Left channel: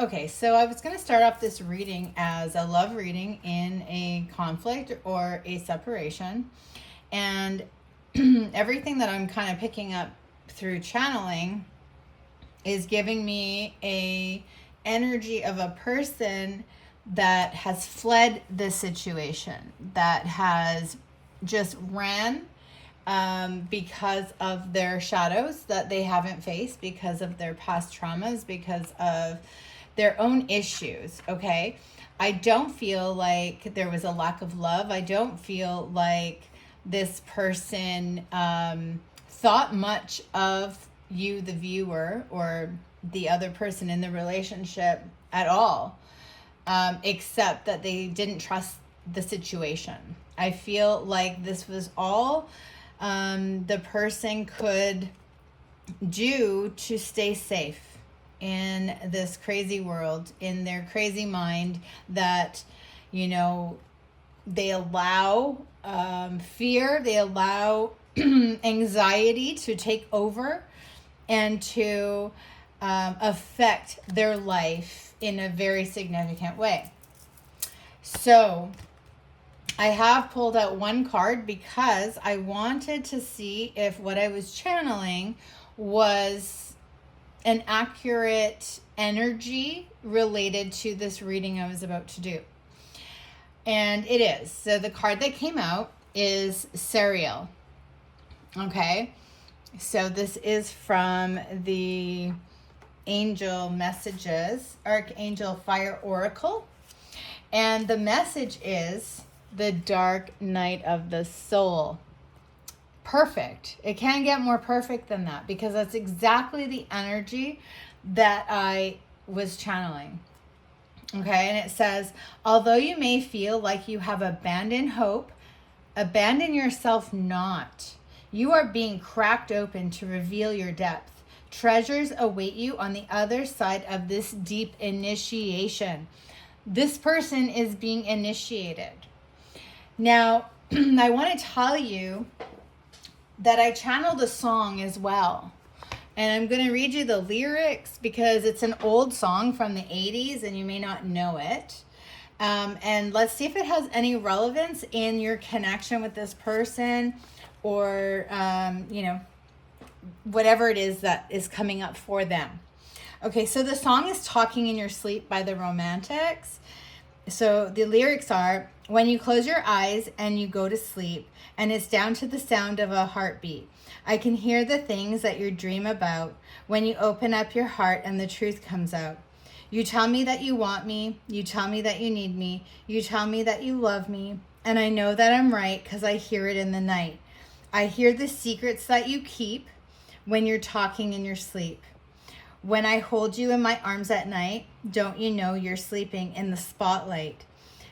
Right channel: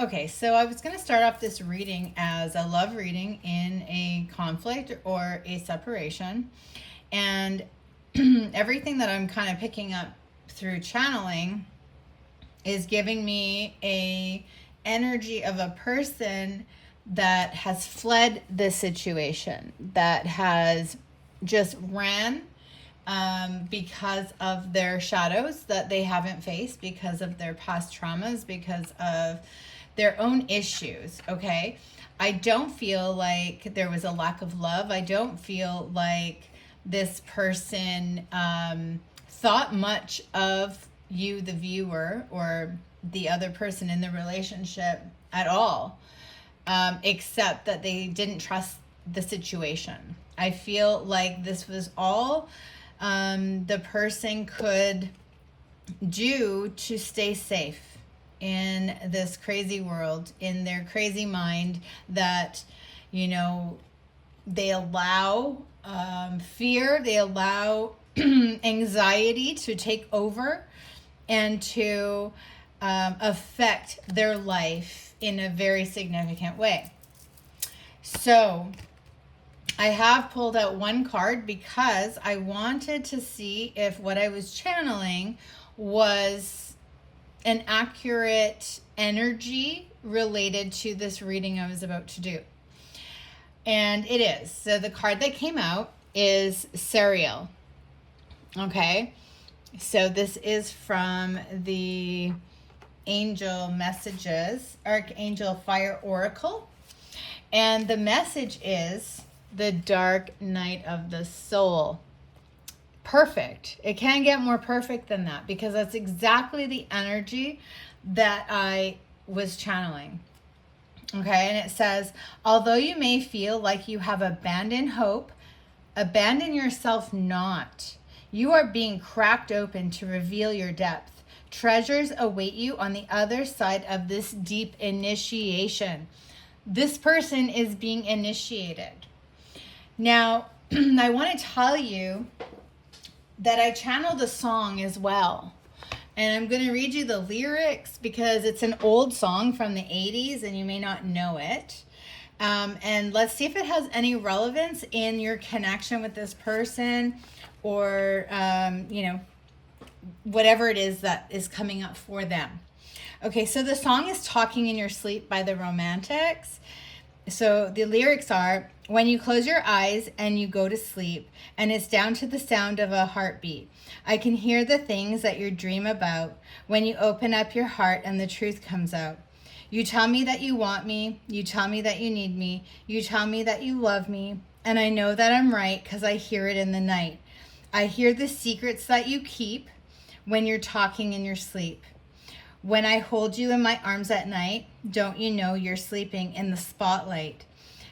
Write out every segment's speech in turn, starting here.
Okay, so I was going to start off this reading as a love reading in a conflict or a separation. And everything that I'm kind of picking up through channeling is giving me a energy of a person that has fled the situation, that has just ran because of their shadows that they haven't faced, because of their past traumas, because of their own issues. Okay. I don't feel like there was a lack of love. I don't feel like this person thought much of you, the viewer, or the other person in the relationship at all, except that they didn't trust the situation. I feel like this was all the person could do to stay safe in this crazy world, in their crazy mind, that, they allow fear, they allow anxiety to take over and to affect their life in a very significant way. So I have pulled out one card because I wanted to see if what I was channeling was an accurate energy related to this reading I was about to do. And it is. So the card that came out is Sariel. Okay. So this is from the Angel Messages, Archangel Fire Oracle. And the message is the dark night of the soul. Perfect. It can't get more perfect than that, because that's exactly the energy that I was channeling. Okay, and it says, although you may feel like you have abandoned hope, abandon yourself not. You are being cracked open to reveal your depth. Treasures await you on the other side of this deep initiation. This person is being initiated. Now, I want to tell you that I channeled a song as well. And I'm going to read you the lyrics because it's an old song from the 80s and you may not know it. And let's see if it has any relevance in your connection with this person, or, whatever it is that is coming up for them. Okay, so the song is Talking in Your Sleep by the Romantics. So the lyrics are, when you close your eyes and you go to sleep, and it's down to the sound of a heartbeat, I can hear the things that you dream about when you open up your heart and the truth comes out. You tell me that you want me. You tell me that you need me. You tell me that you love me. And I know that I'm right because I hear it in the night. I hear the secrets that you keep when you're talking in your sleep. When I hold you in my arms at night, don't you know you're sleeping in the spotlight?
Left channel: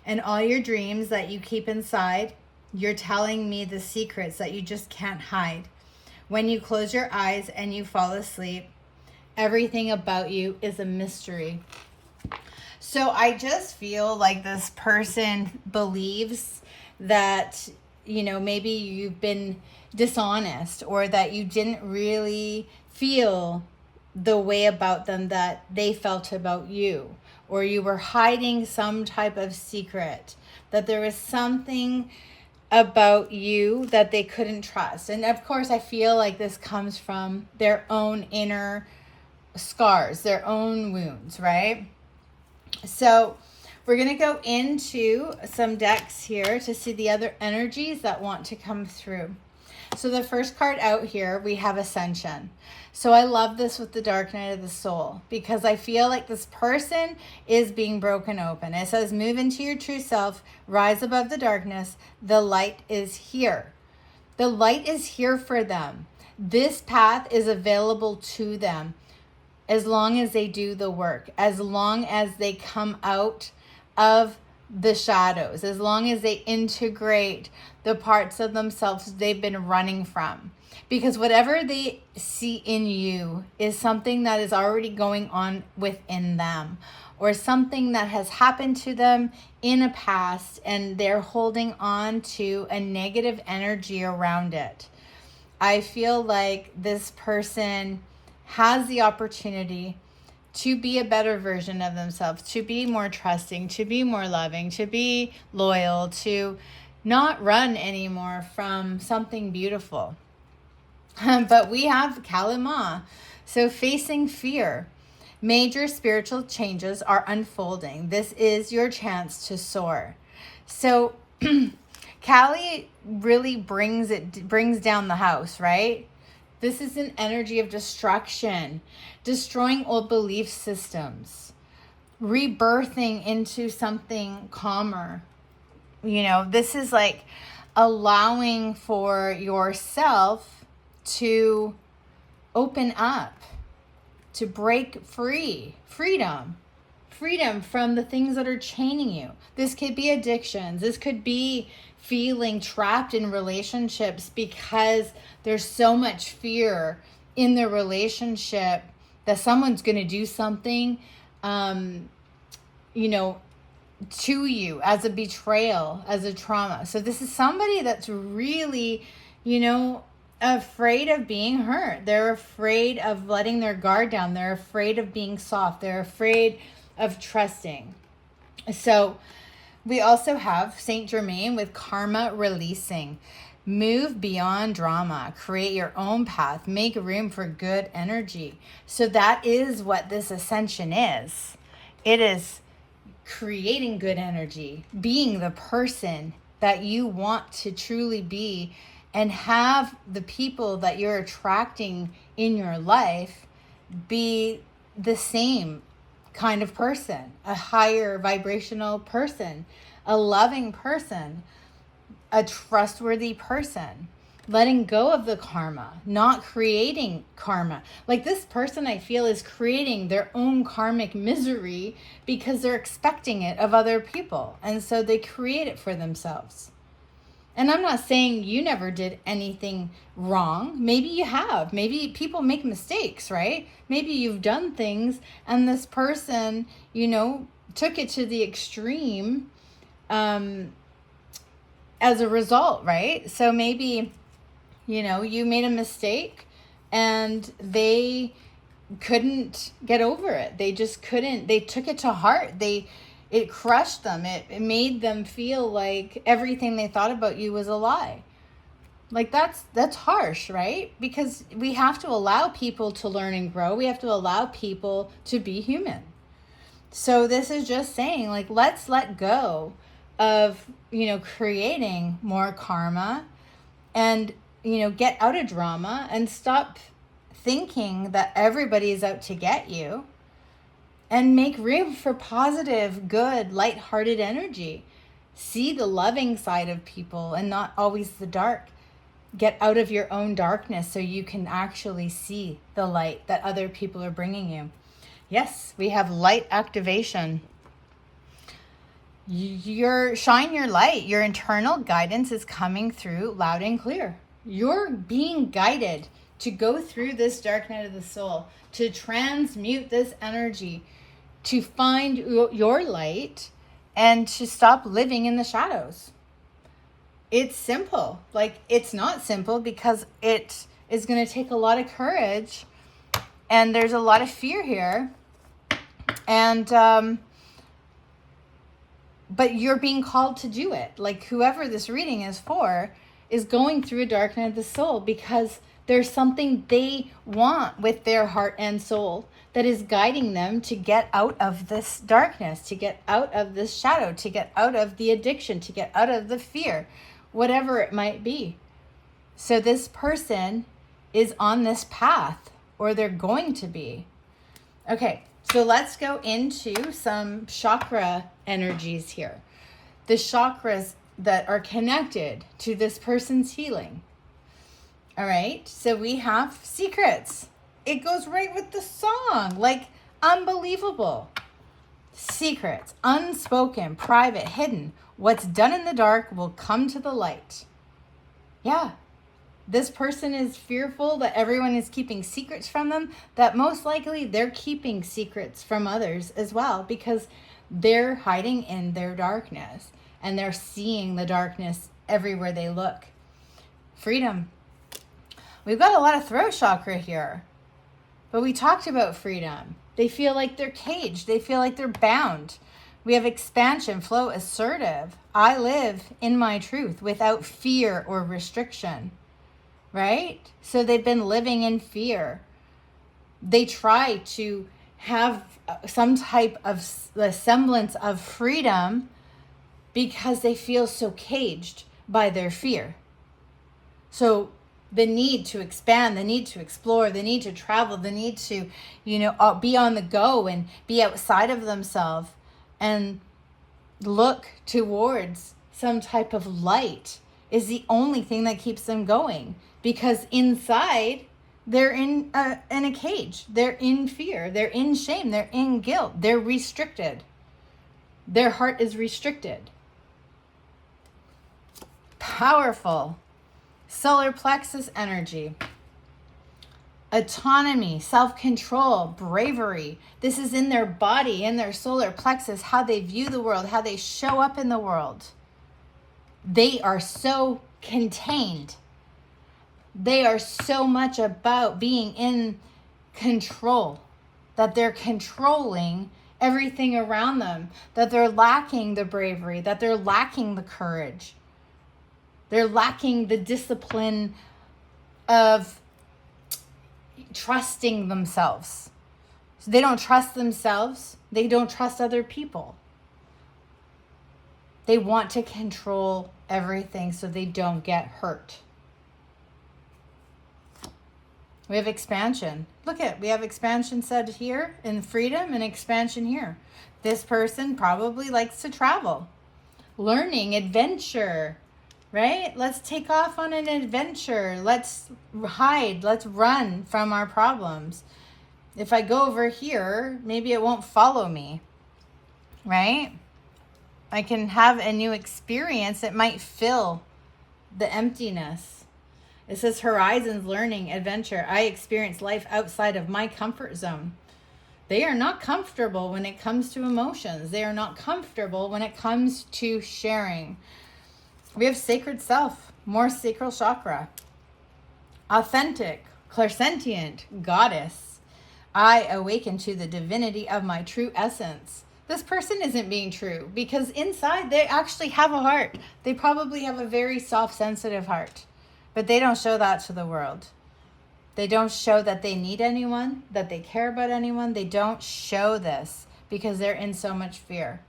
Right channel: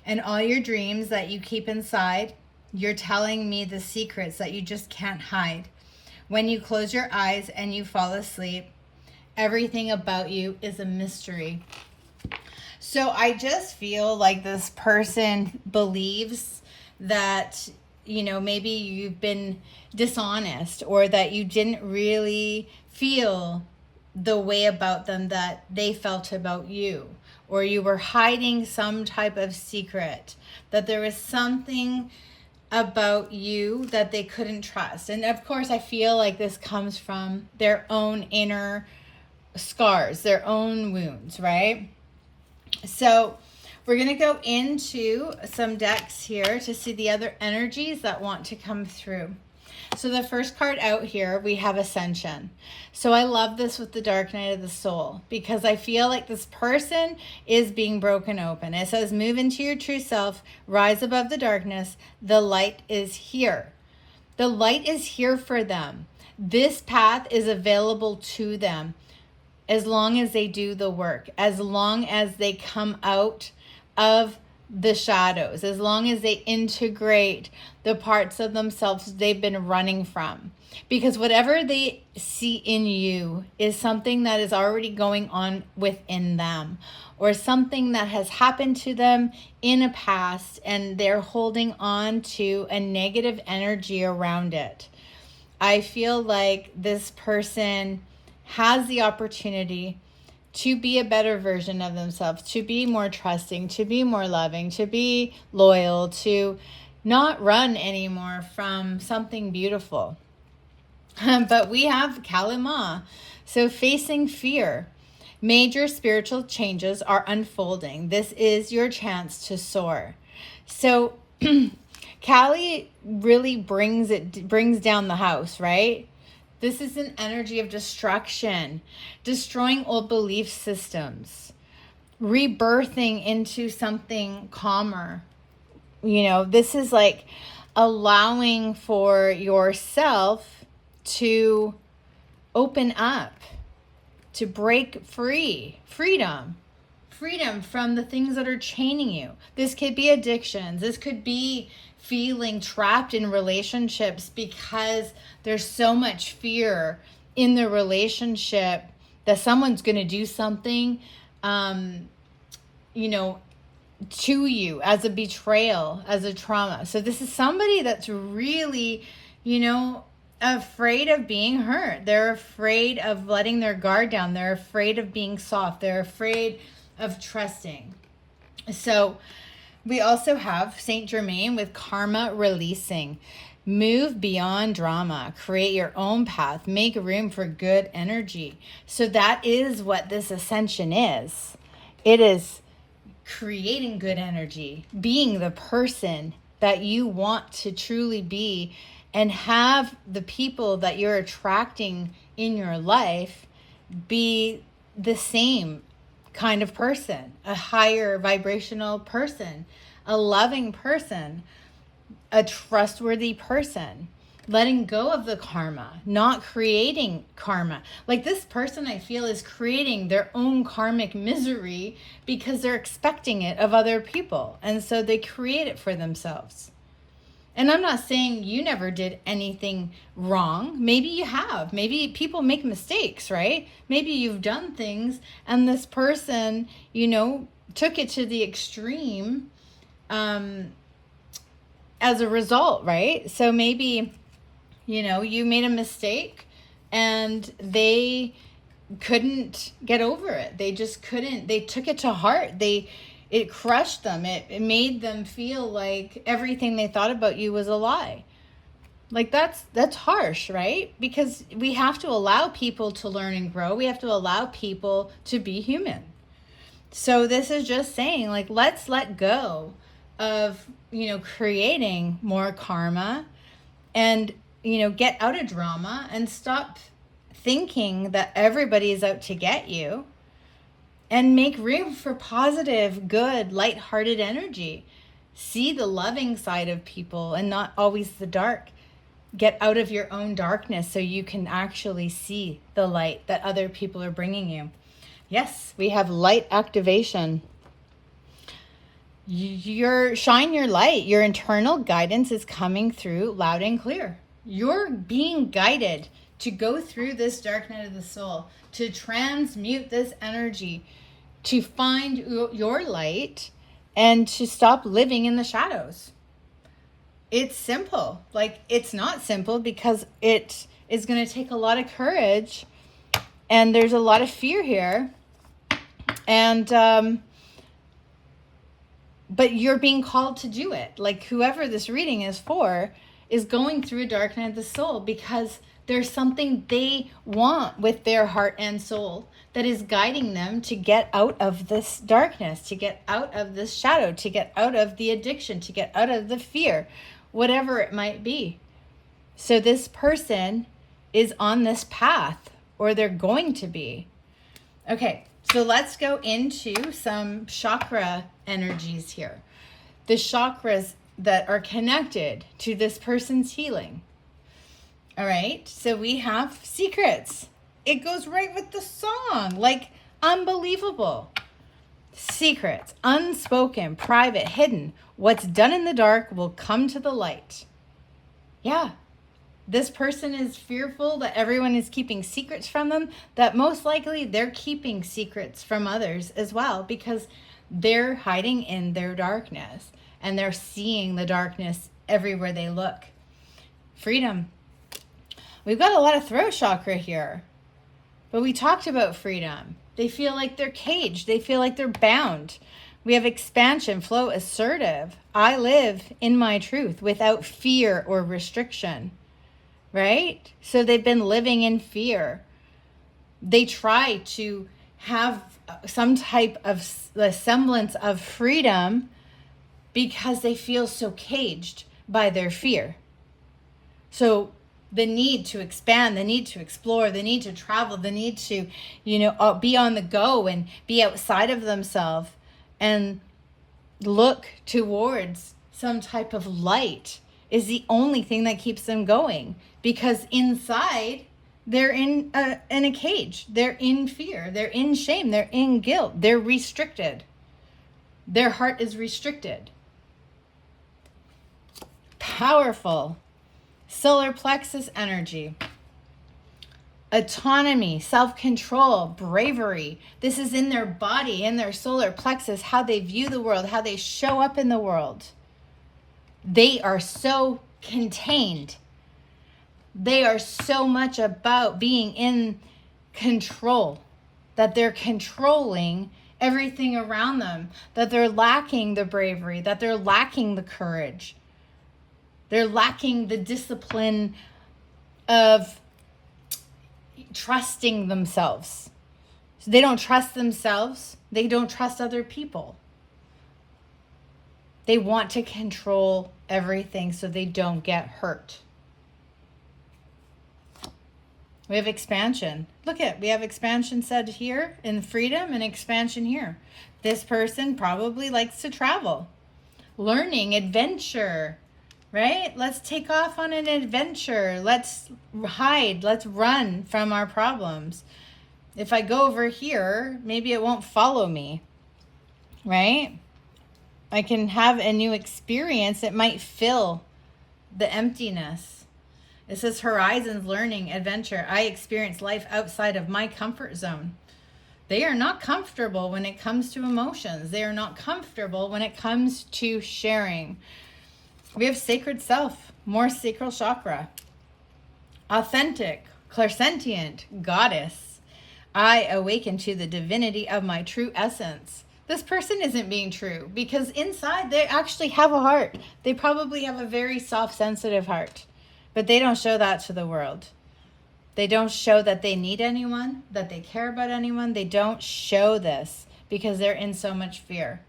And all your dreams that you keep inside, you're telling me the secrets that you just can't hide. When you close your eyes and you fall asleep, everything about you is a mystery. So I just feel like this person believes that, maybe you've been dishonest, or that you didn't really feel the way about them that they felt about you, or you were hiding some type of secret, that there was something about you that they couldn't trust. And of course, I feel like this comes from their own inner scars, their own wounds, right? So we're going to go into some decks here to see the other energies that want to come through. So the first card out here, we have Ascension. So I love this with the dark night of the soul, because I feel like this person is being broken open. It says, move into your true self, rise above the darkness. The light is here. The light is here for them. This path is available to them as long as they do the work, as long as they come out of the shadows, as long as they integrate the parts of themselves they've been running from. Because whatever they see in you is something that is already going on within them, or something that has happened to them in a past, and they're holding on to a negative energy around it. I feel like this person has the opportunity to be a better version of themselves, to be more trusting, to be more loving, to be loyal, to not run anymore from something beautiful. But we have Kali Ma. So facing fear. Major spiritual changes are unfolding. This is your chance to soar. So Kali really brings down the house, right? This is an energy of destruction, destroying old belief systems, rebirthing into something calmer. You know, this is like allowing for yourself to open up, to break free, freedom from the things that are chaining you. This could be addictions. This could be feeling trapped in relationships because there's so much fear in the relationship that someone's going to do something, you know, to you as a betrayal, as a trauma. So this is somebody that's really, you know, afraid of being hurt. They're afraid of letting their guard down. They're afraid of being soft. They're afraid of trusting. So we also have Saint Germain with karma releasing. Move beyond drama. Create your own path. Make room for good energy. So that is what this ascension is. It is creating good energy, being the person that you want to truly be, and have the people that you're attracting in your life be the same kind of person, a higher vibrational person, a loving person, a trustworthy person, letting go of the karma, not creating karma. Like this person, I feel, is creating their own karmic misery because they're expecting it of other people. And so they create it for themselves. And I'm not saying you never did anything wrong. Maybe you have. Maybe people make mistakes, right? Maybe you've done things and this person, you know, took it to the extreme as a result, right? So maybe, you know, you made a mistake and they couldn't get over it. They just couldn't. They took it to heart. It crushed them. It made them feel like everything they thought about you was a lie. Like that's harsh, right? Because we have to allow people to learn and grow. We have to allow people to be human. So this is just saying, like, let's let go of, you know, creating more karma and, you know, get out of drama and stop thinking that everybody is out to get you. And make room for positive, good, lighthearted energy. See the loving side of people and not always the dark. Get out of your own darkness so you can actually see the light that other people are bringing you. Yes, we have light activation. Shine your light. Your internal guidance is coming through loud and clear. You're being guided to go through this dark night of the soul, to transmute this energy, to find your light and to stop living in the shadows. It's simple. Like, it's not simple because it is going to take a lot of courage and there's a lot of fear here. And, but you're being called to do it. Like, whoever this reading is for is going through a dark night of the soul because there's something they want with their heart and soul that is guiding them to get out of this darkness, to get out of this shadow, to get out of the addiction, to get out of the fear, whatever it might be. So this person is on this path, or they're going to be. Okay, so let's go into some chakra energies here. The chakras that are connected to this person's healing. All right, so we have secrets. It goes right with the song, like unbelievable. Secrets, unspoken, private, hidden. What's done in the dark will come to the light. Yeah, this person is fearful that everyone is keeping secrets from them, that most likely they're keeping secrets from others as well because they're hiding in their darkness and they're seeing the darkness everywhere they look. Freedom. We've got a lot of throat chakra here, but we talked about freedom. They feel like they're caged. They feel like they're bound. We have expansion, flow, assertive. I live in my truth without fear or restriction, right? So they've been living in fear. They try to have some type of the semblance of freedom because they feel so caged by their fear. So the need to expand, the need to explore, the need to travel, the need to, be on the go and be outside of themselves and look towards some type of light is the only thing that keeps them going, because inside they're in a cage. They're in fear. They're in shame. They're in guilt. They're restricted. Their heart is restricted. Powerful. Solar plexus energy. Autonomy, self-control, bravery. This is in their body, in their solar plexus, how they view the world, how they show up in the world. They are so contained. They are so much about being in control, that they're controlling everything around them, that they're lacking the bravery, that they're lacking the courage. They're lacking the discipline of trusting themselves. So they don't trust themselves. They don't trust other people. They want to control everything so they don't get hurt. We have expansion. Look at, we have expansion said here in freedom and expansion here. This person probably likes to travel, learning, adventure, right? Let's take off on an adventure. Let's hide. Let's run from our problems. If I go over here, maybe it won't follow me, right? I can have a new experience. It might fill the emptiness. It says horizons, learning, adventure. I experience life outside of my comfort zone. They are not comfortable when it comes to emotions. They are not comfortable when it comes to sharing. We have sacred self, more sacral chakra. Authentic, clairsentient, goddess. I awaken to the divinity of my true essence. This person isn't being true because inside they actually have a heart. They probably have a very soft, sensitive heart, but they don't show that to the world. They don't show that they need anyone, that they care about anyone. They don't show this because they're in so much fear.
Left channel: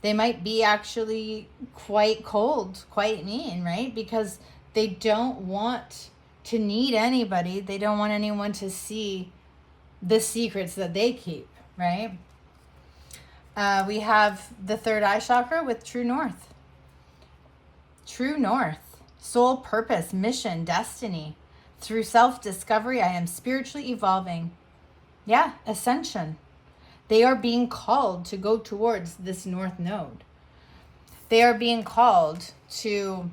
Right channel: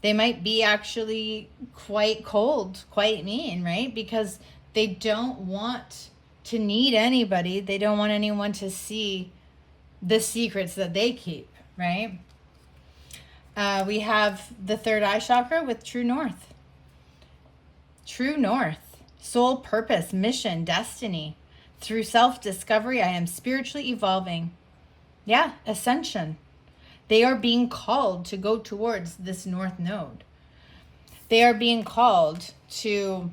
They might be actually quite cold, quite mean, right? Because they don't want to need anybody. They don't want anyone to see the secrets that they keep, right? We have the third eye chakra with true north. True north, soul purpose, mission, destiny. Through self-discovery, I am spiritually evolving. Yeah, ascension. They are being called to go towards this north node. They are being called to,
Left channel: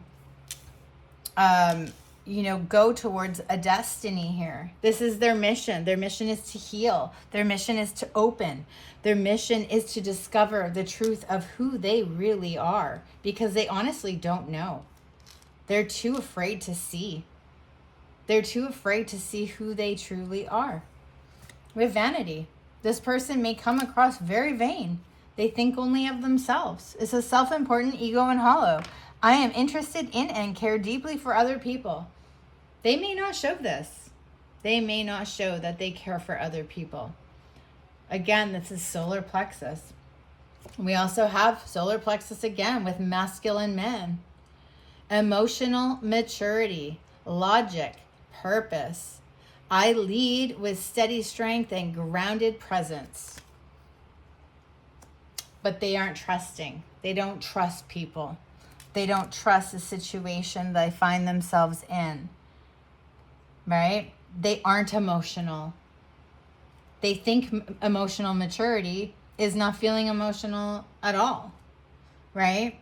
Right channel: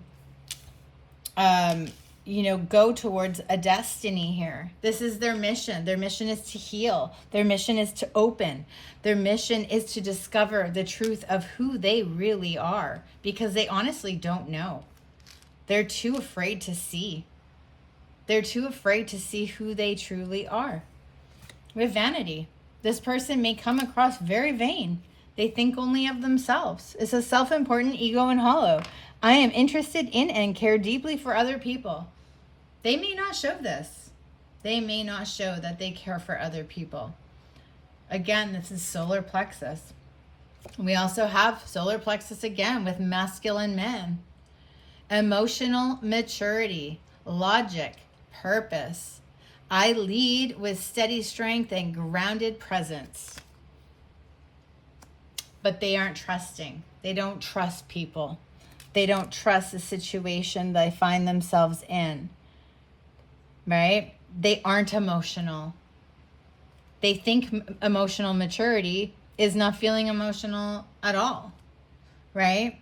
go towards a destiny here. This is their mission. Their mission is to heal. Their mission is to open. Their mission is to discover the truth of who they really are, because they honestly don't know. They're too afraid to see. They're too afraid to see who they truly are. With vanity. This person may come across very vain. They think only of themselves. It's a self-important, ego and hollow. I am interested in and care deeply for other people. They may not show this. They may not show that they care for other people. Again, this is solar plexus. We also have solar plexus again with masculine men. Emotional maturity, logic, purpose. I lead with steady strength and grounded presence. But they aren't trusting. They don't trust people. They don't trust the situation they find themselves in. Right? They aren't emotional. They think emotional maturity is not feeling emotional at all. Right?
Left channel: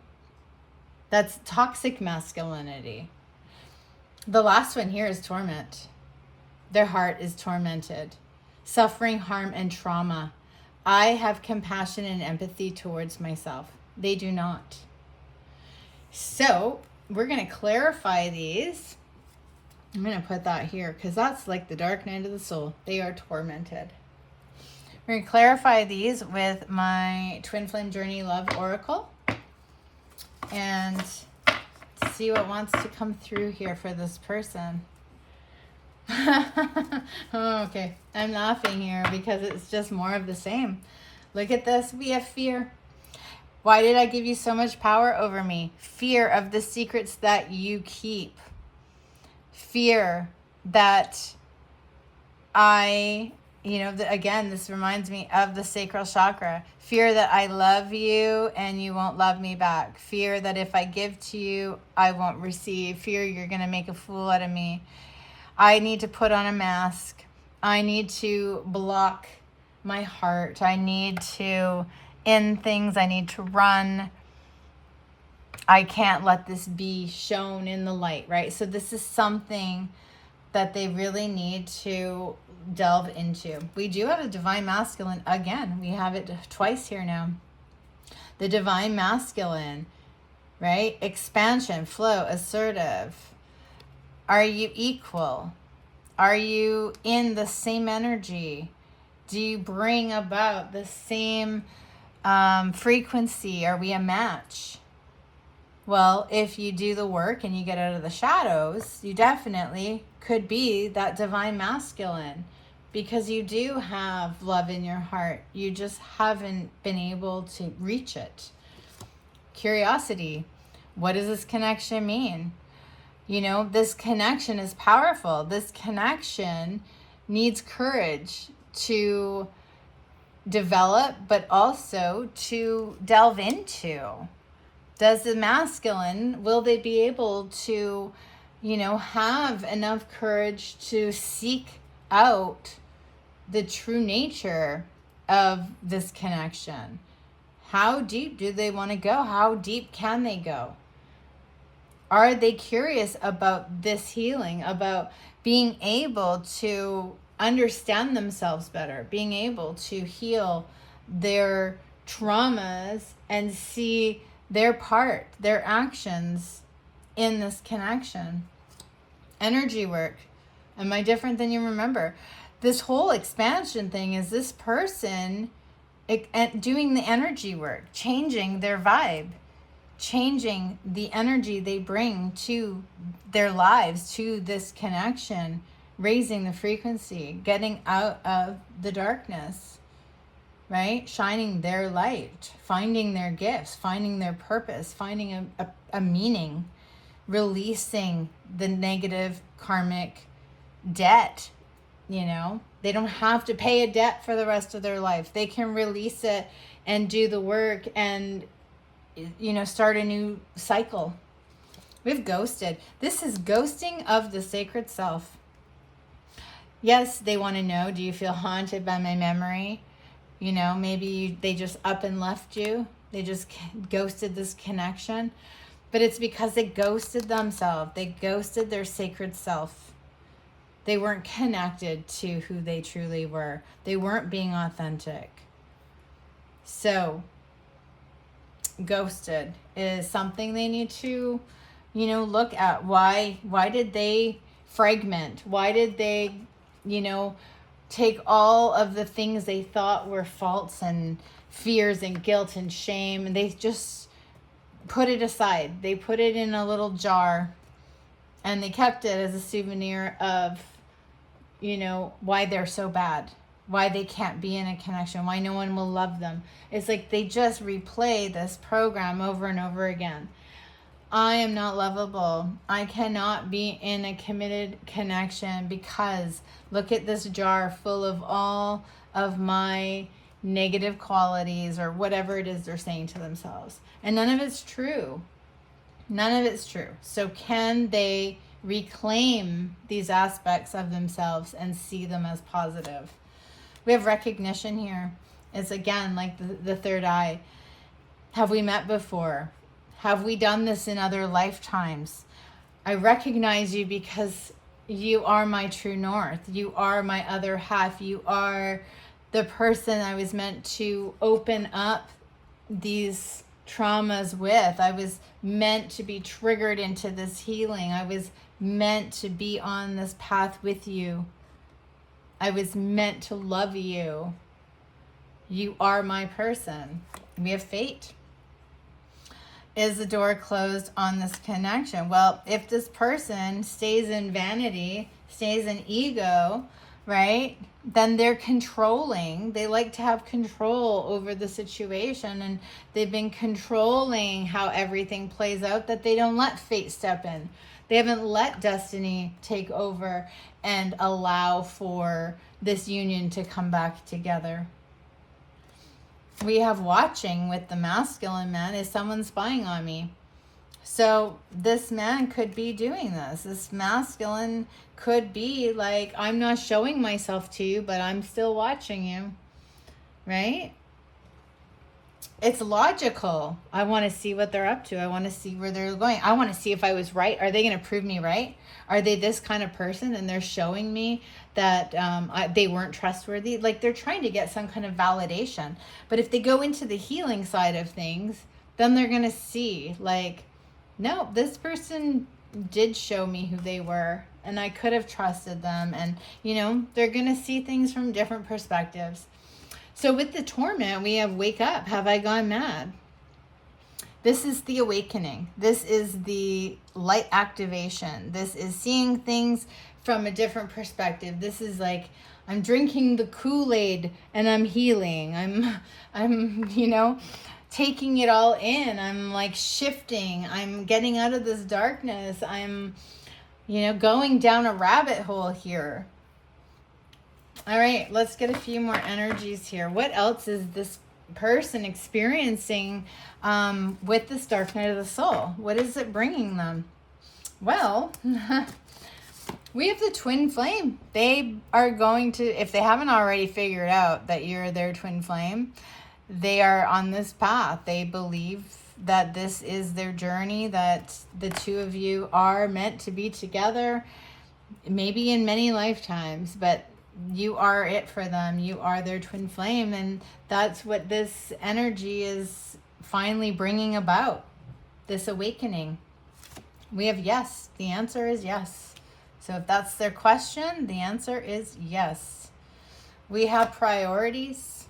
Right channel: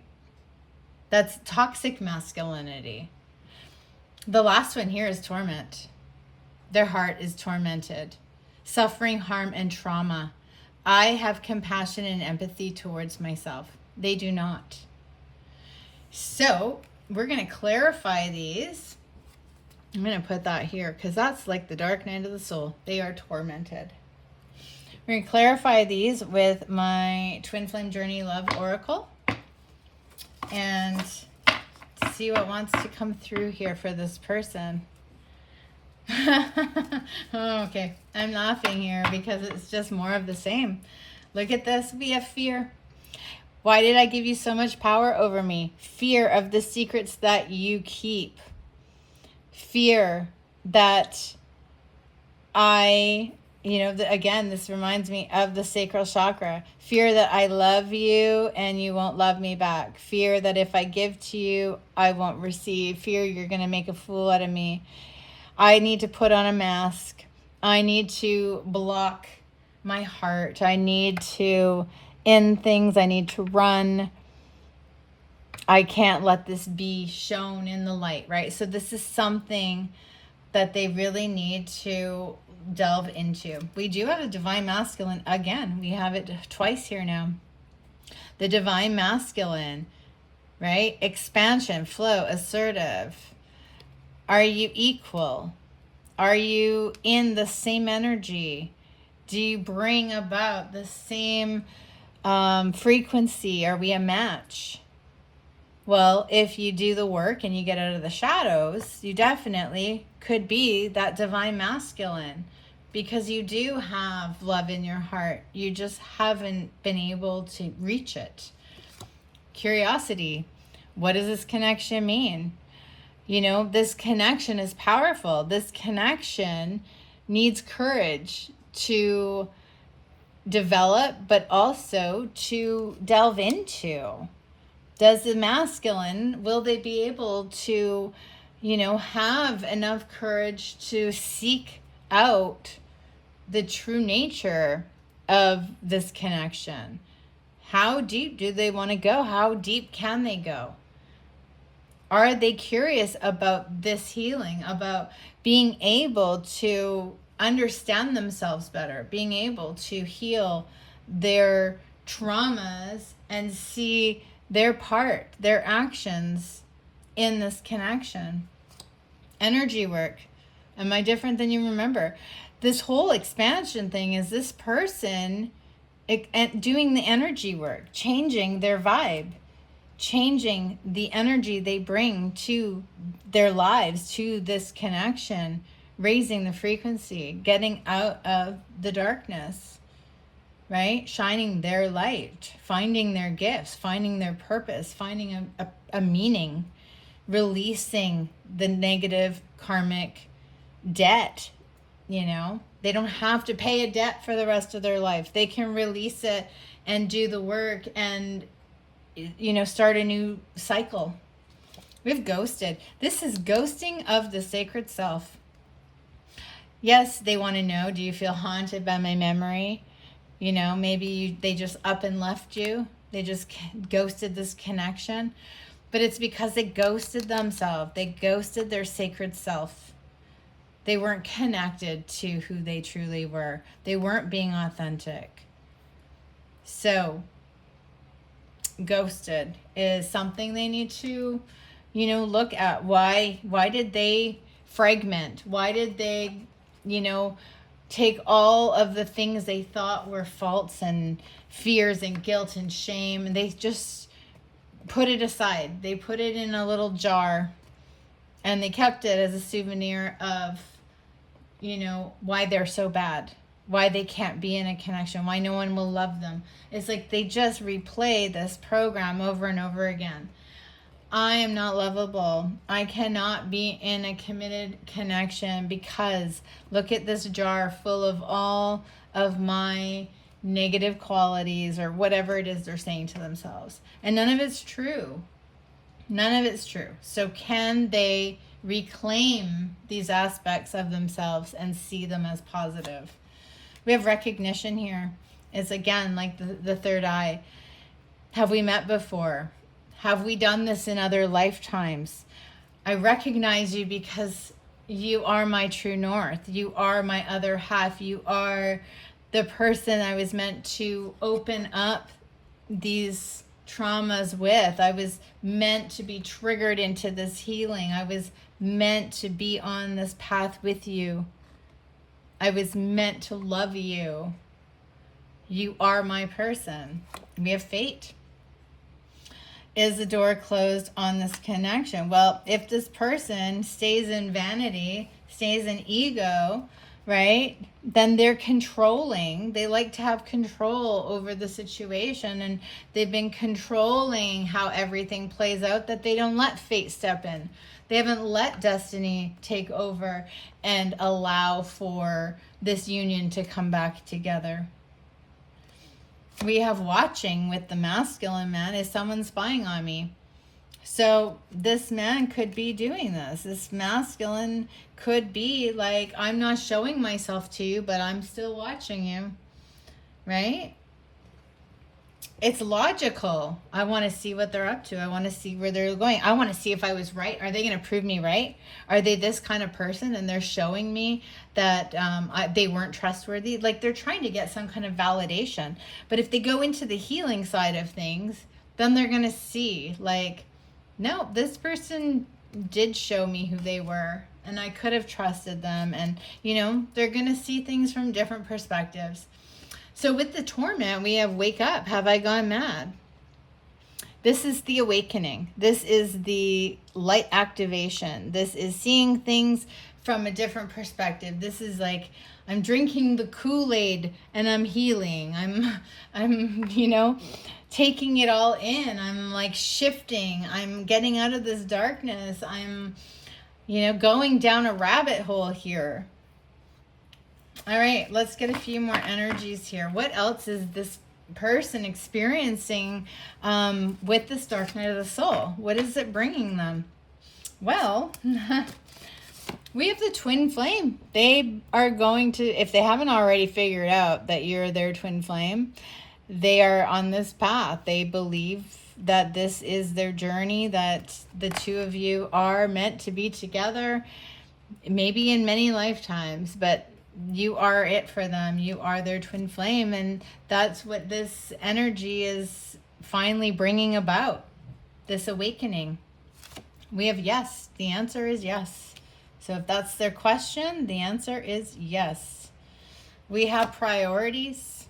That's toxic masculinity. The last one here is torment. Their heart is tormented. Suffering, harm, and trauma. I have compassion and empathy towards myself. They do not. So we're going to clarify these. I'm going to put that here because that's like the dark night of the soul. They are tormented. We're going to clarify these with my Twin Flame Journey Love Oracle and see what wants to come through here for this person. Oh, okay. I'm laughing here because it's just more of the same. Look at this. We have fear. Why did I give you so much power over me? Fear of the secrets that you keep. Fear that again, this reminds me of the sacral chakra. Fear that I love you and you won't love me back. Fear that if I give to you, I won't receive. Fear you're going to make a fool out of me. I need to put on a mask. I need to block my heart. I need to end things. I need to run. I can't let this be shown in the light, right? So this is something that they really need to delve into. We do have a divine masculine. Again, we have it twice here now. The divine masculine, right? Expansion, flow, assertive. Are you equal? Are you in the same energy? Do you bring about the same frequency? Are we a match? Well, if you do the work and you get out of the shadows, you definitely could be that divine masculine, because you do have love in your heart. You just haven't been able to reach it. Curiosity. What does this connection mean? You know, this connection is powerful. This connection needs courage to develop, but also to delve into. Does the masculine, will they be able to, have enough courage to seek out the true nature of this connection? How deep do they want to go? How deep can they go? Are they curious about this healing, about being able to understand themselves better, being able to heal their traumas and see their part, their actions in this connection? Energy work. Am I different than you remember? This whole expansion thing is this person doing the energy work, changing their vibe, changing the energy they bring to their lives, to this connection, raising the frequency, getting out of the darkness, right? Shining their light, finding their gifts, finding their purpose, finding a meaning, releasing the negative karmic debt. They don't have to pay a debt for the rest of their life. They can release it and do the work and start a new cycle. We've ghosted. This is ghosting of the sacred self. Yes, they want to know, do you feel haunted by my memory? Maybe they just up and left you. They just ghosted this connection. But it's because they ghosted themselves. They ghosted their sacred self. They weren't connected to who they truly were. They weren't being authentic. So ghosted is something they need to, look at. Why did they fragment? Why did they, take all of the things they thought were faults and fears and guilt and shame, and they just put it aside. They put it in a little jar and they kept it as a souvenir of, why they're so bad, why they can't be in a connection, why no one will love them. It's like they just replay this program over and over again. I am not lovable. I cannot be in a committed connection because look at this jar full of all of my negative qualities or whatever it is they're saying to themselves. And none of it's true. None of it's true. So can they reclaim these aspects of themselves and see them as positive? We have recognition here. It's again like the third eye. Have we met before? Have we done this in other lifetimes? I recognize you because you are my true north. You are my other half. You are the person I was meant to open up these traumas with. I was meant to be triggered into this healing. I was meant to be on this path with you. I was meant to love you. You are my person. We have fate. Is the door closed on this connection? Well, if this person stays in vanity, stays in ego, right, then they're controlling. They like to have control over the situation, and they've been controlling how everything plays out, that they don't let fate step in. They haven't let destiny take over and allow for this union to come back together. We have watching with the masculine man. Is someone spying on me? So this man could be doing this. This masculine could be like, I'm not showing myself to you, but I'm still watching you, right? It's logical. I want to see what they're up to. I want to see where they're going. I want to see if I was right. Are they going to prove me right? Are they this kind of person and they're showing me that they weren't trustworthy? Like, they're trying to get some kind of validation. But if they go into the healing side of things, then they're going to see, like, no, this person did show me who they were and I could have trusted them. And, you know, they're going to see things from different perspectives. So with the torment, we have wake up. Have I gone mad? This is the awakening. This is the light activation. This is seeing things from a different perspective. This is like, I'm drinking the Kool-Aid and I'm healing. I'm, you know, taking it all in. I'm like shifting. I'm getting out of this darkness. I'm, you know, going down a rabbit hole here. All right, let's get a few more energies here. What else is this person experiencing with this dark night of the soul? What is it bringing them? Well, we have the twin flame. They are going to, if they haven't already figured out that you're their twin flame, they are on this path. They believe that this is their journey, that the two of you are meant to be together, maybe in many lifetimes, but you are it for them. You are their twin flame, and that's what this energy is finally bringing about, this awakening. We have yes. The answer is yes. So if that's their question, the answer is yes. We have priorities.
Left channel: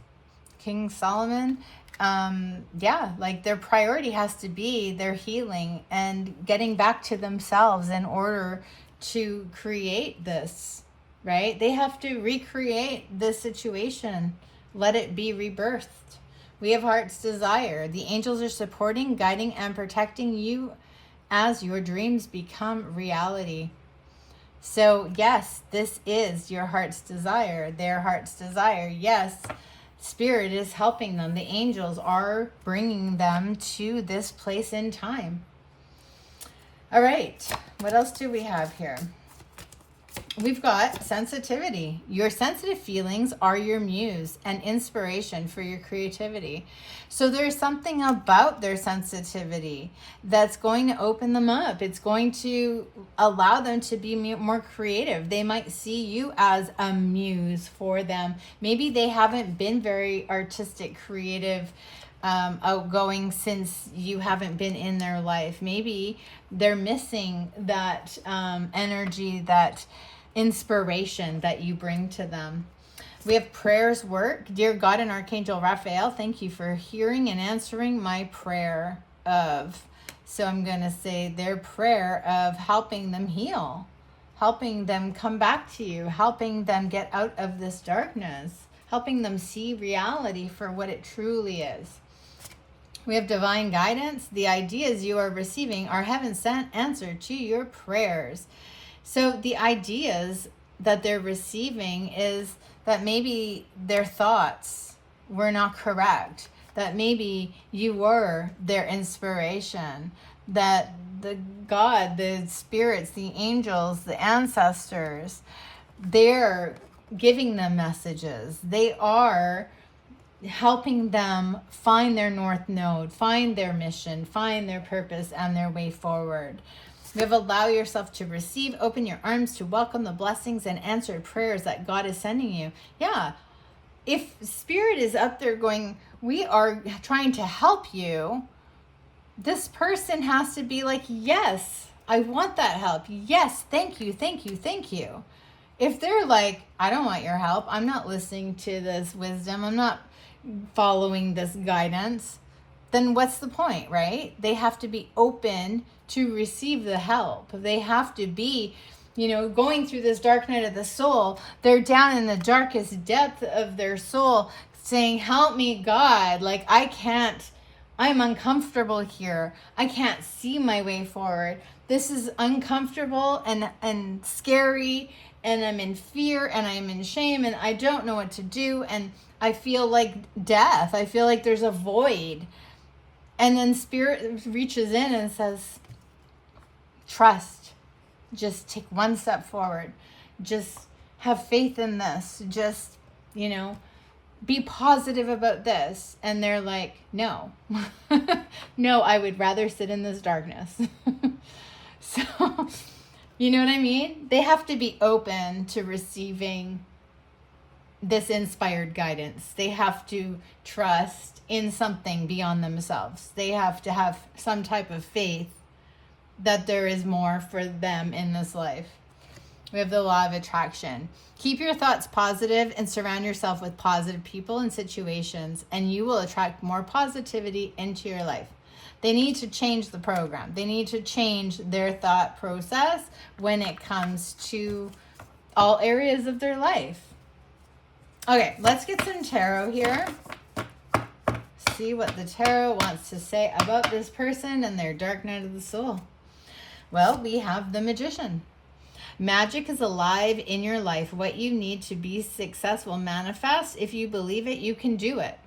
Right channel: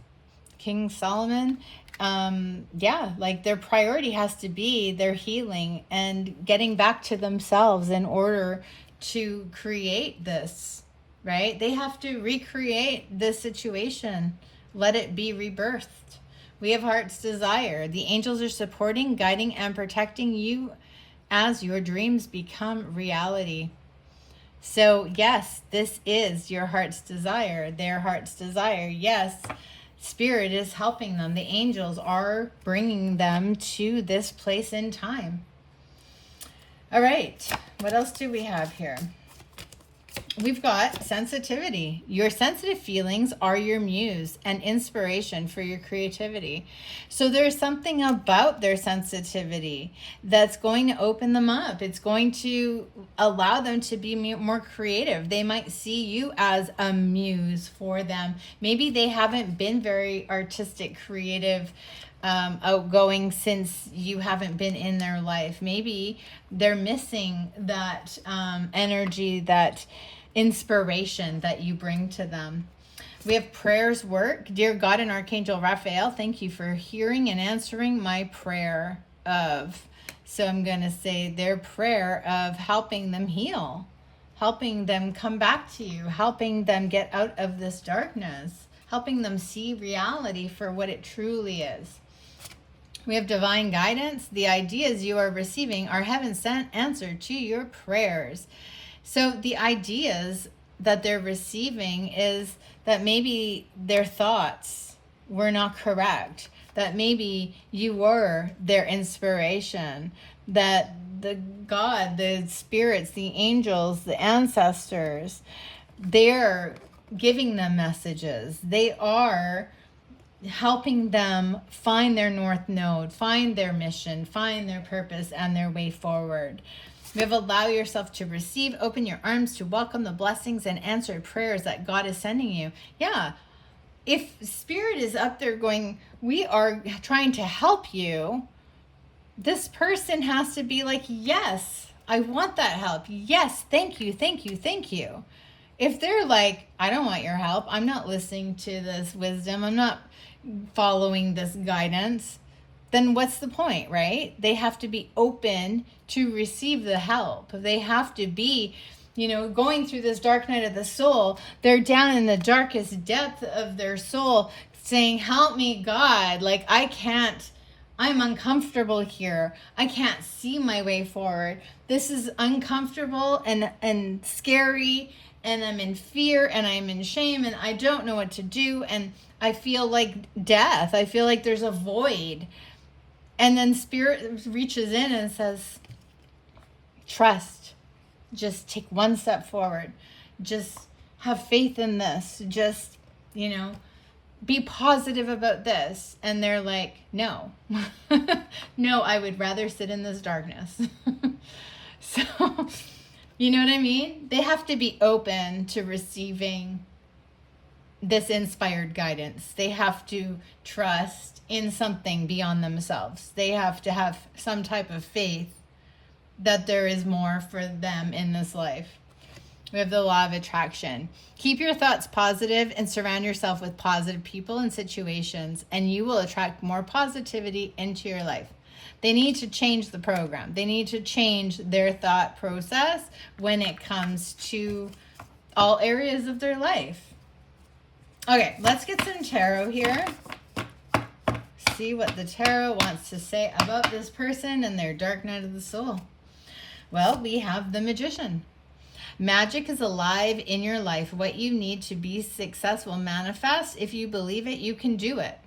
King Solomon, like their priority has to be their healing and getting back to themselves in order to create this. Right? They have to recreate this situation. Let it be rebirthed. We have heart's desire. The angels are supporting, guiding, and protecting you as your dreams become reality. So yes, this is your heart's desire, their heart's desire. Yes, Spirit is helping them. The angels are bringing them to this place in time. All right, what else do we have here? We've got sensitivity. Your sensitive feelings are your muse and inspiration for your creativity. So there's something about their sensitivity that's going to open them up. It's going to allow them to be more creative. They might see you as a muse for them. Maybe they haven't been very artistic, creative, outgoing since you haven't been in their life. Maybe they're missing that energy, that inspiration that you bring to them. We have prayers work. Dear God and Archangel Raphael, thank you for hearing and answering my prayer of. So I'm going to say their prayer of helping them heal, helping them come back to you, helping them get out of this darkness, helping them see reality for what it truly is. We have divine guidance. The ideas you are receiving are heaven's sent answer to your prayers. So the ideas that they're receiving is that maybe their thoughts were not correct, that maybe you were their inspiration, that the God, the spirits, the angels, the ancestors, they're giving them messages. They are helping them find their north node, find their mission, find their purpose and their way forward. We have allow yourself to receive, open your arms to welcome the blessings and answered prayers that God is sending you. Yeah, if Spirit is up there going, we are trying to help you, this person has to be like, yes, I want that help. Yes, thank you, thank you, thank you. If they're like, I don't want your help, I'm not listening to this wisdom, I'm not following this guidance, then what's the point, right? They have to be open to receive the help. They have to be, going through this dark night of the soul. They're down in the darkest depth of their soul saying, help me, God. Like, I'm uncomfortable here. I can't see my way forward. This is uncomfortable and scary, and I'm in fear and I'm in shame and I don't know what to do. And I feel like death. I feel like there's a void. And then Spirit reaches in and says, trust. Just take one step forward. Just have faith in this. Just, be positive about this. And they're like, no. No, I would rather sit in this darkness. So, you know what I mean? They have to be open to receiving this inspired guidance. They have to trust in something beyond themselves. They have to have some type of faith that there is more for them in this life. We have the law of attraction. Keep your thoughts positive and surround yourself with positive people and situations, and you will attract more positivity into your life. They need to change the program. They need to change their thought process when it comes to all areas of their life. Okay, let's get some tarot here. See what the tarot wants to say about this person and their dark night of the soul. Well, we have the Magician. Magic is alive in your life. What you need to be successful manifests. If you believe it, you can do it.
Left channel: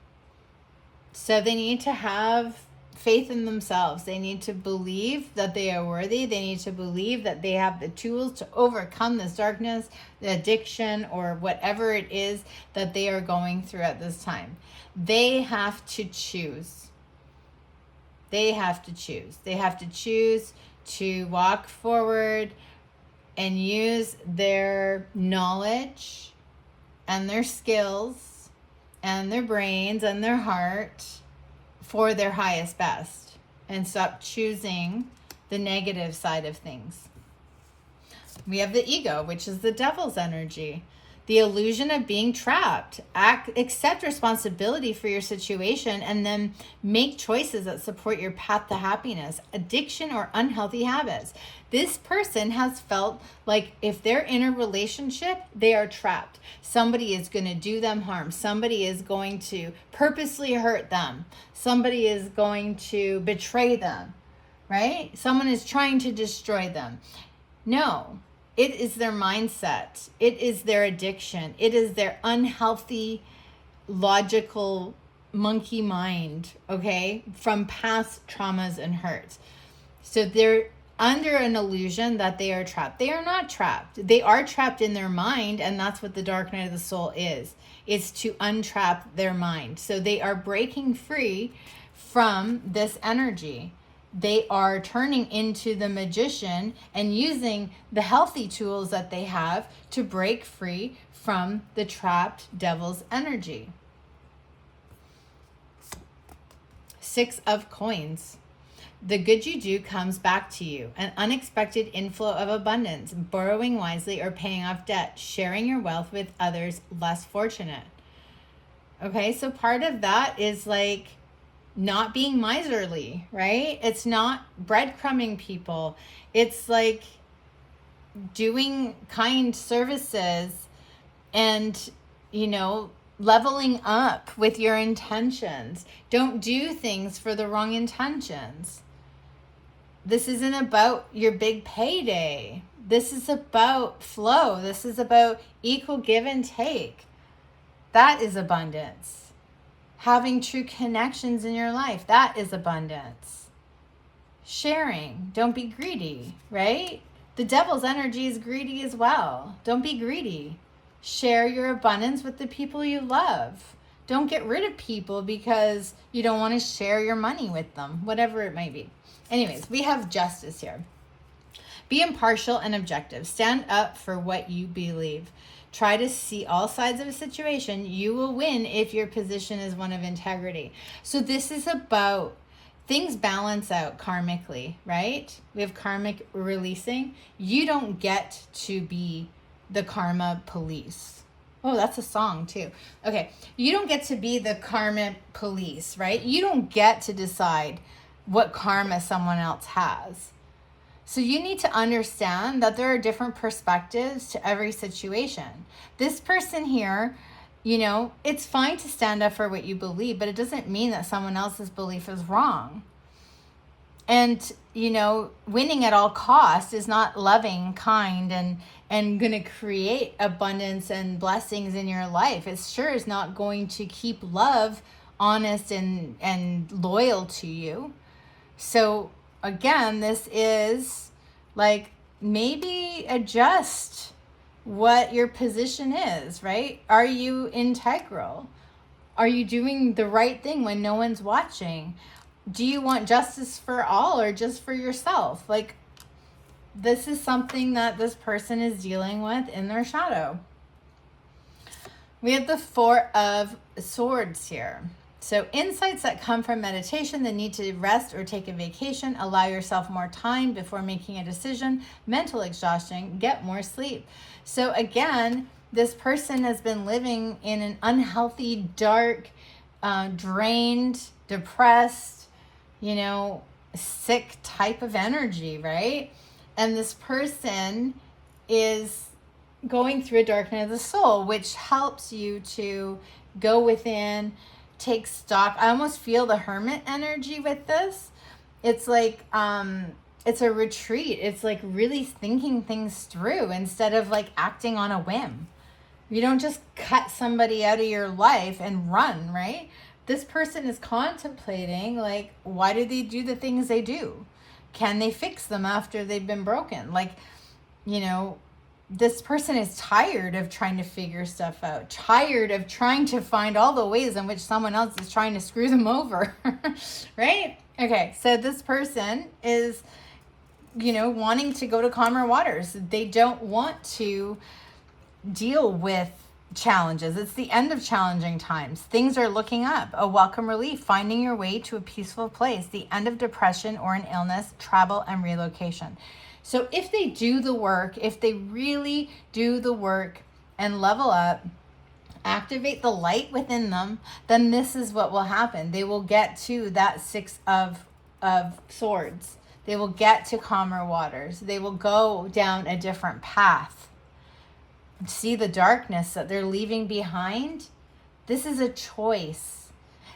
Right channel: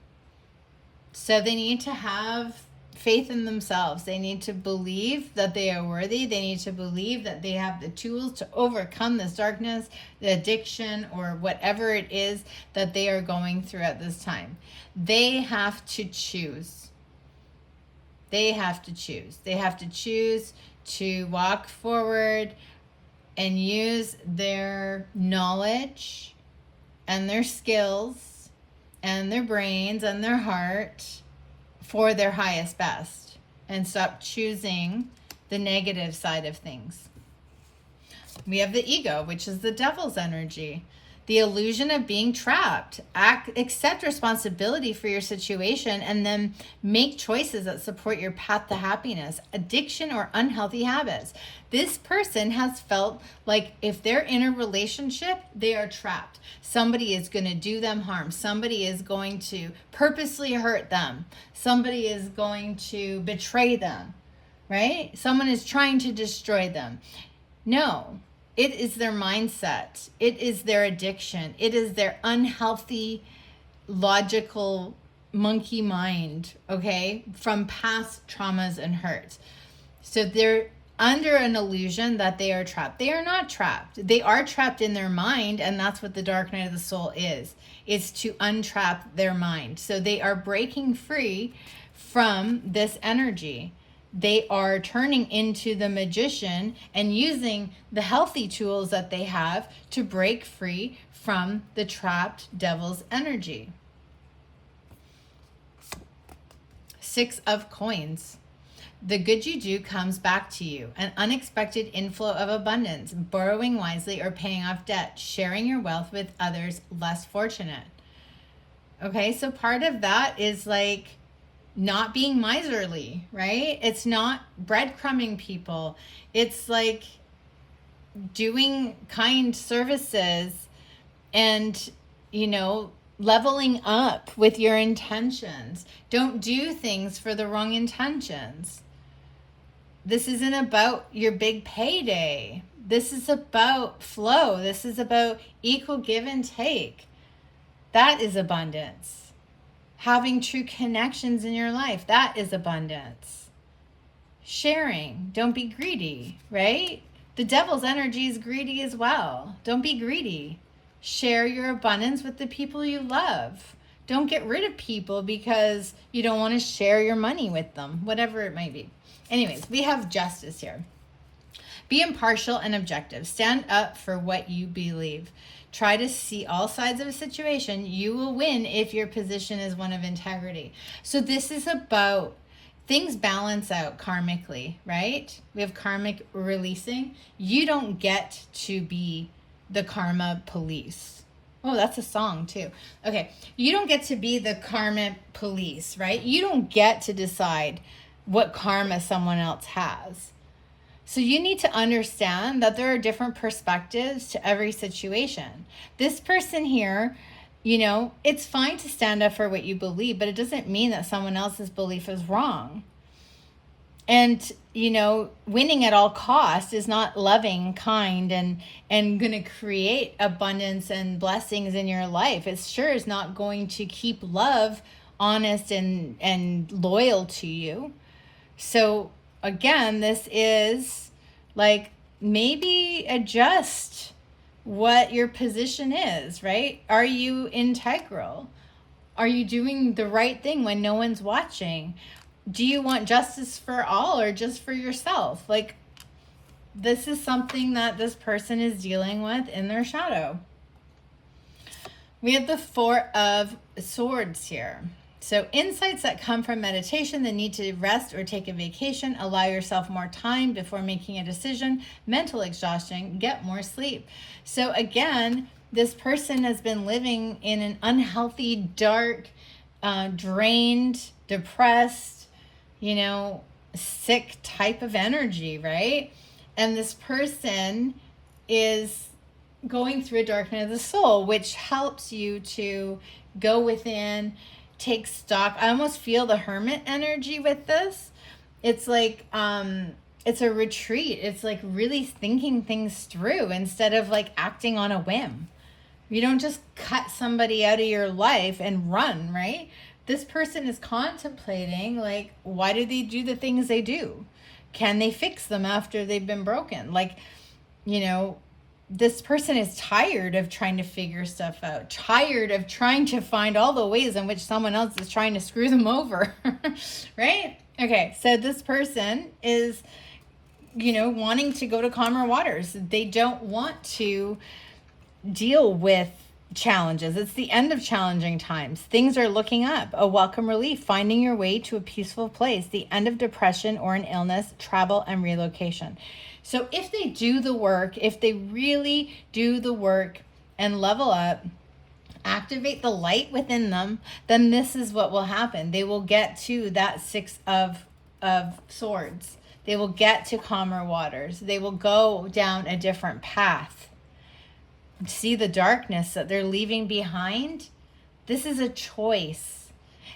So they need to have faith in themselves. They need to believe that they are worthy. They need to believe that they have the tools to overcome this darkness, the addiction, or whatever it is that they are going through at this time. They have to choose. They have to choose. They have to choose to walk forward and use their knowledge and their skills and their brains and their heart for their highest best and stop choosing the negative side of things. We have the ego, which is the devil's energy. The illusion of being trapped. Accept responsibility for your situation and then make choices that support your path to happiness. Addiction or unhealthy habits. This person has felt like if they're in a relationship, they are trapped. Somebody is going to do them harm. Somebody is going to purposely hurt them. Somebody is going to betray them, right? Someone is trying to destroy them. No. It is their mindset. It is their addiction. It is their unhealthy, logical monkey mind, okay, from past traumas and hurts. So they're under an illusion that they are trapped. They are not trapped. They are trapped in their mind, and that's what the dark night of the soul is. It's to untrap their mind. So they are breaking free from this energy. They are turning into the magician and using the healthy tools that they have to break free from the trapped devil's energy. 6 of coins. The good you do comes back to you. An unexpected inflow of abundance, borrowing wisely or paying off debt, sharing your wealth with others less fortunate. Okay, so part of that is like not being miserly, right? It's not breadcrumbing people. It's like doing kind services and, leveling up with your intentions. Don't do things for the wrong intentions. This isn't about your big payday. This is about flow. This is about equal give and take. That is abundance. Having true connections in your life, that is abundance. Sharing, don't be greedy, right? The devil's energy is greedy as well. Don't be greedy. Share your abundance with the people you love. Don't get rid of people because you don't want to share your money with them, whatever it might be. Anyways, we have justice here. Be impartial and objective. Stand up for what you believe. Try to see all sides of a situation. You will win if your position is one of integrity. So this is about things balance out karmically, right? We have karmic releasing. You don't get to be the karma police. Oh, that's a song too. Okay. You don't get to be the karma police, right? You don't get to decide what karma someone else has. So you need to understand that there are different perspectives to every situation. This person here, it's fine to stand up for what you believe, but it doesn't mean that someone else's belief is wrong. And winning at all cost is not loving, kind, and going to create abundance and blessings in your life. It sure is not going to keep love honest and loyal to you. So again, this is like, maybe adjust what your position is, right? Are you integral? Are you doing the right thing when no one's watching? Do you want justice for all or just for yourself? Like, this is something that this person is dealing with in their shadow. We have the Four of Swords here. So insights that come from meditation, the need to rest or take a vacation, allow yourself more time before making a decision, mental exhaustion, get more sleep. So again, this person has been living in an unhealthy, dark, drained, depressed, sick type of energy, right? And this person is going through a darkness of the soul, which helps you to go within, take stock. I almost feel the hermit energy with this. It's like, it's a retreat. It's like really thinking things through instead of like acting on a whim. You don't just cut somebody out of your life and run, right? This person is contemplating, like, why do they do the things they do? Can they fix them after they've been broken? Like, this person is tired of trying to figure stuff out, tired of trying to find all the ways in which someone else is trying to screw them over, right? Okay, so this person is, wanting to go to calmer waters. They don't want to deal with challenges. It's the end of challenging times. Things are looking up. A welcome relief, finding your way to a peaceful place, the end of depression or an illness, travel and relocation. So if they do the work, if they really do the work and level up, activate the light within them, then this is what will happen. They will get to that Six of Swords. They will get to calmer waters. They will go down a different path. See the darkness that they're leaving behind? This is a choice.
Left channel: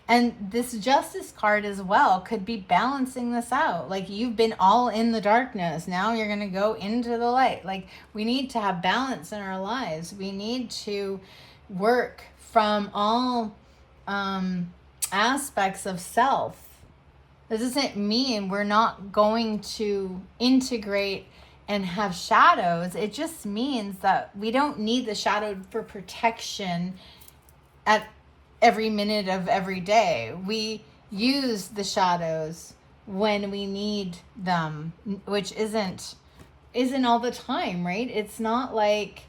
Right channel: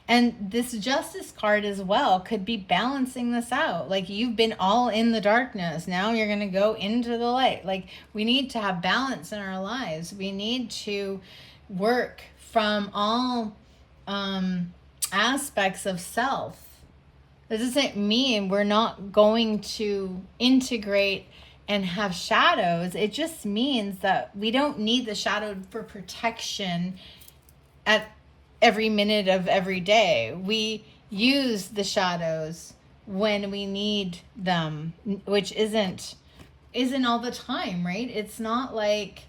And this Justice card as well could be balancing this out. Like, you've been all in the darkness. Now you're going to go into the light. Like, we need to have balance in our lives. We need to work from all aspects of self. This doesn't mean we're not going to integrate and have shadows. It just means that we don't need the shadow for protection at every minute of every day. We use the shadows when we need them, which isn't all the time, right? It's not like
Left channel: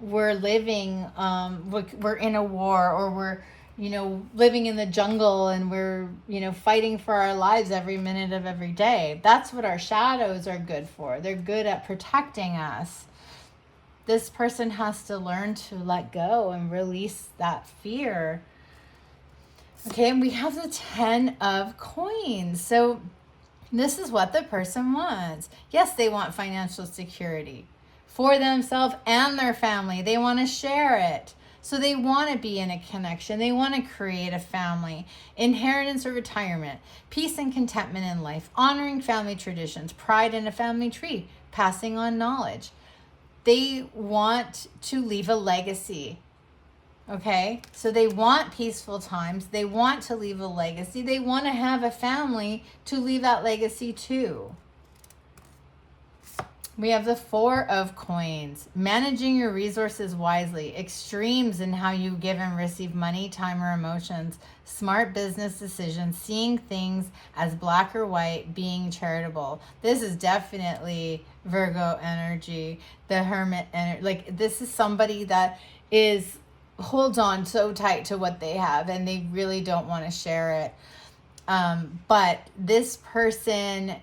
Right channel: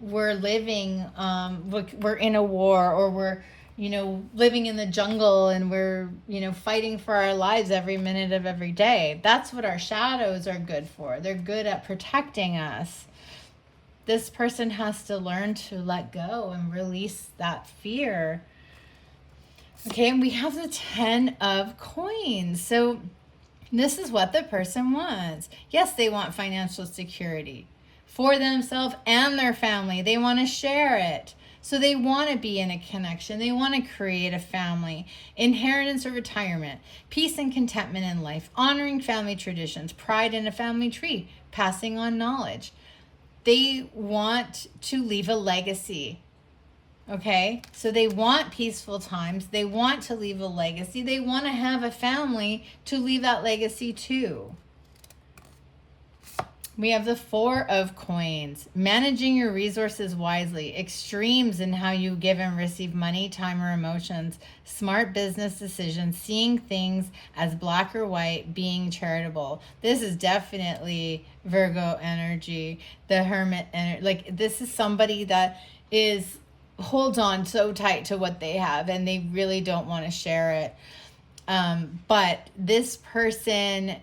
we're living, we're in a war, or we're, living in the jungle and we're, fighting for our lives every minute of every day. That's what our shadows are good for. They're good at protecting us. This person has to learn to let go and release that fear. Okay, and we have the 10 of Coins. So this is what the person wants. Yes, they want financial security for themselves and their family. They want to share it. So they want to be in a connection. They want to create a family, inheritance or retirement, peace and contentment in life, honoring family traditions, pride in a family tree, passing on knowledge. They want to leave a legacy. Okay, so they want peaceful times. They want to leave a legacy. They want to have a family to leave that legacy to. We have the Four of Coins, managing your resources wisely, extremes in how you give and receive money, time, or emotions, smart business decisions, seeing things as black or white, being charitable. This is definitely Virgo energy, the Hermit energy. Like, this is somebody that holds on so tight to what they have and they really don't want to share it. But this person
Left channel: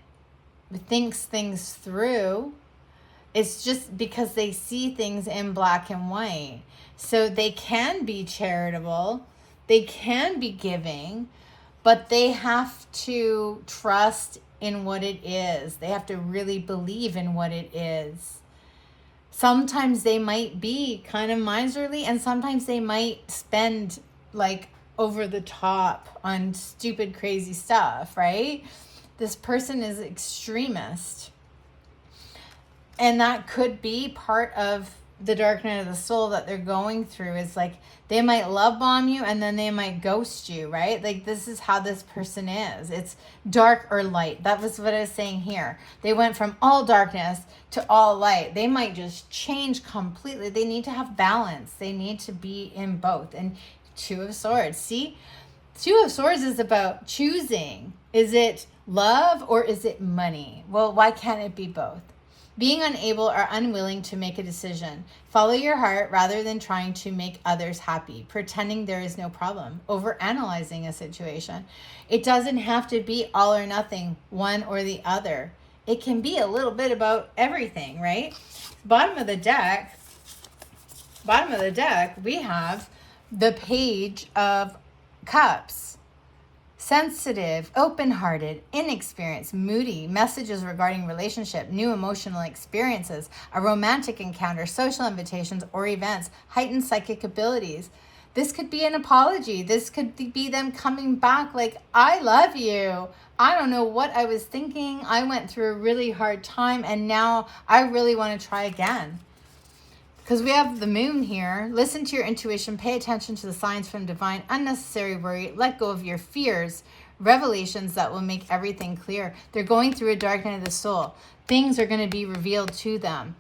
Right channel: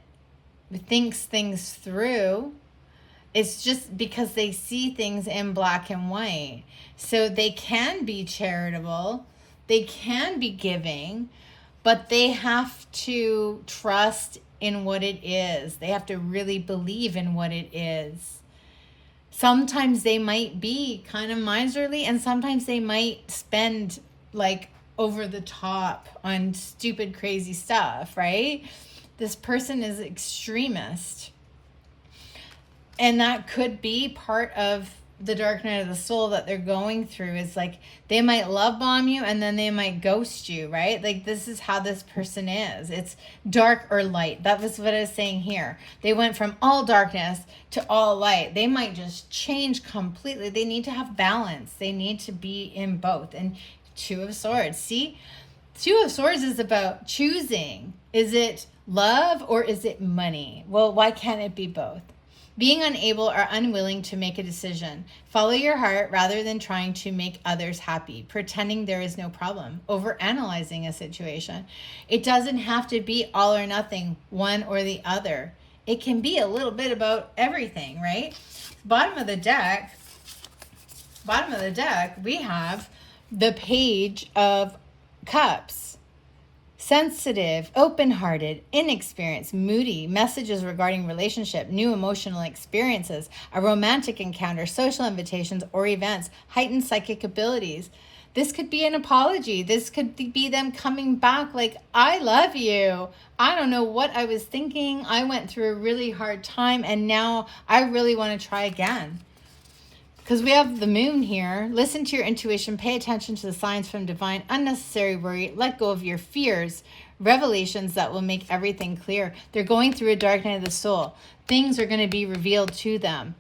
thinks things through. It's just because they see things in black and white. So they can be charitable, they can be giving, but they have to trust in what it is. They have to really believe in what it is. Sometimes they might be kind of miserly, and sometimes they might spend like over the top on stupid, crazy stuff, right? This person is extremist. And that could be part of the dark night of the soul that they're going through. Is like they might love bomb you and then they might ghost you, right? Like this is how this person is. It's dark or light. That was what I was saying here. They went from all darkness to all light. They might just change completely. They need to have balance. They need to be in both. And Two of Swords. See? Two of Swords is about choosing. Is it love or is it money? Well, why can't it be both? Being unable or unwilling to make a decision. Follow your heart rather than trying to make others happy. Pretending there is no problem. Overanalyzing a situation. It doesn't have to be all or nothing, one or the other. It can be a little bit about everything, right? Bottom of the deck, we have the Page of Cups. Sensitive, open-hearted, inexperienced, moody, messages regarding relationship, new emotional experiences, a romantic encounter, social invitations or events, heightened psychic abilities. This could be an apology. This could be them coming back like, I love you. I don't know what I was thinking. I went through a really hard time and now I really want to try again. Because we have the Moon here. Listen to your intuition. Pay attention to the signs from divine. Unnecessary worry. Let go of your fears. Revelations that will make everything clear. They're going through a dark night of the soul. Things are going to be revealed to them.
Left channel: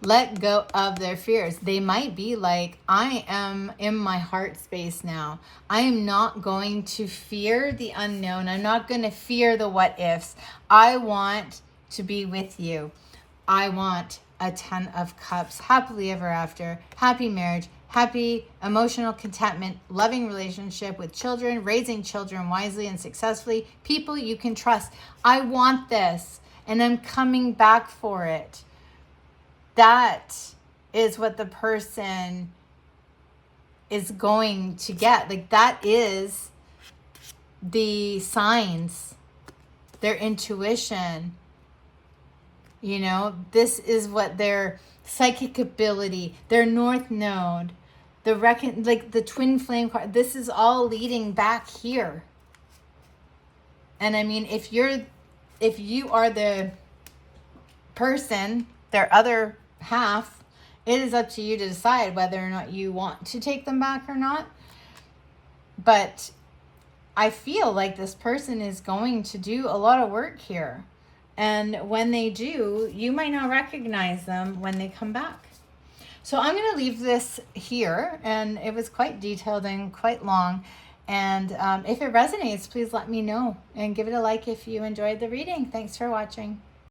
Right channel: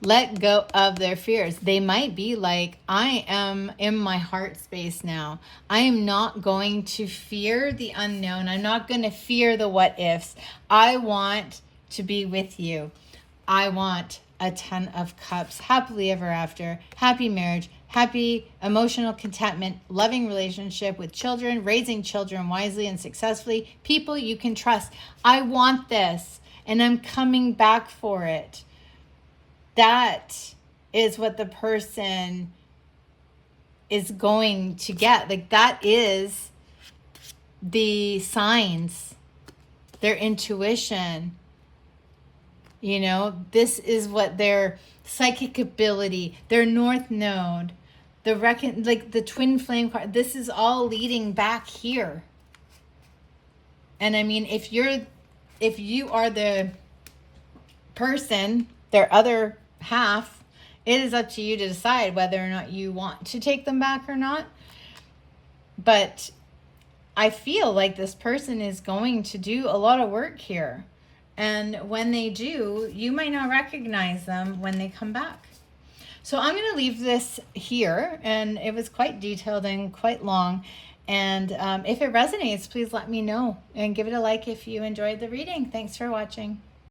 Let go of their fears. They might be like, I am in my heart space now. I am not going to fear the unknown. I'm not going to fear the what ifs. I want to be with you. I want a 10 of Cups, happily ever after, happy marriage, happy emotional contentment, loving relationship with children, raising children wisely and successfully, people you can trust. I want this and I'm coming back for it. That is what the person is going to get. Like that is the signs, their intuition. You know, this is what their psychic ability, their north node, the twin flame card, this is all leading back here. And I mean, if you are the person, their other half, it is up to you to decide whether or not you want to take them back or not. But I feel like this person is going to do a lot of work here. And when they do, you might not recognize them when they come back. So I'm going to leave this here. And it was quite detailed and quite long. And if it resonates, please let me know. And give it a like if you enjoyed the reading. Thanks for watching.